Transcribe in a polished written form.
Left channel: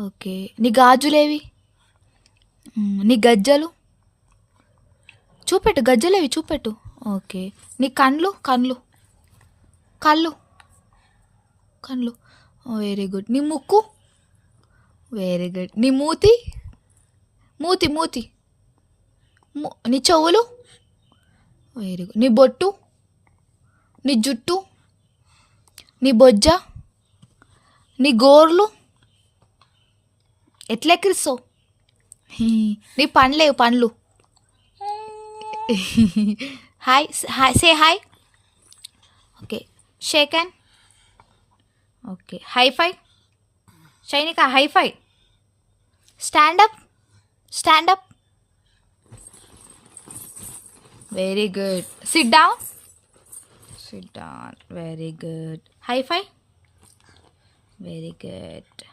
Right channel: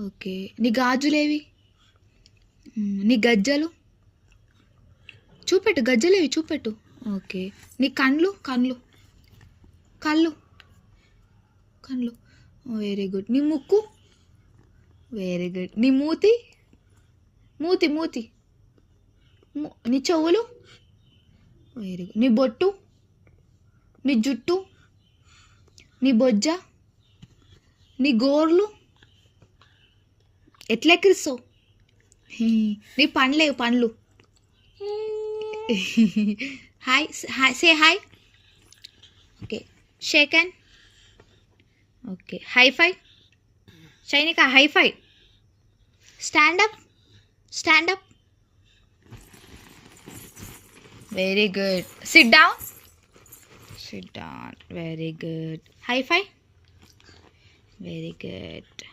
Okay. నీ గాజులేవి? నీ గజ్జలు? చూపెట్టు, గజ్జలేవి చూపెట్టు. ఓకే. నీ కండ్లు? కండ్లు కళ్ళు కండ్లు. Very good. నీ ముక్కు? Very good. నీ మూతి? మూతి మూతి నీ చెవులు? Very good. నీ బొట్టు? నీ జుట్టు? నీ బొజ్జ? నీ గోర్లు? ఎట్లా ఎక్కిరిస్తావు? నీ పండ్లేవు పండ్లు? Hi hi say hi. Okay. Shake hand. Okay. High five. Shainika high five. Stand up. Stand up. Very good. Sit down. Sit down. Very good. High five. Very good.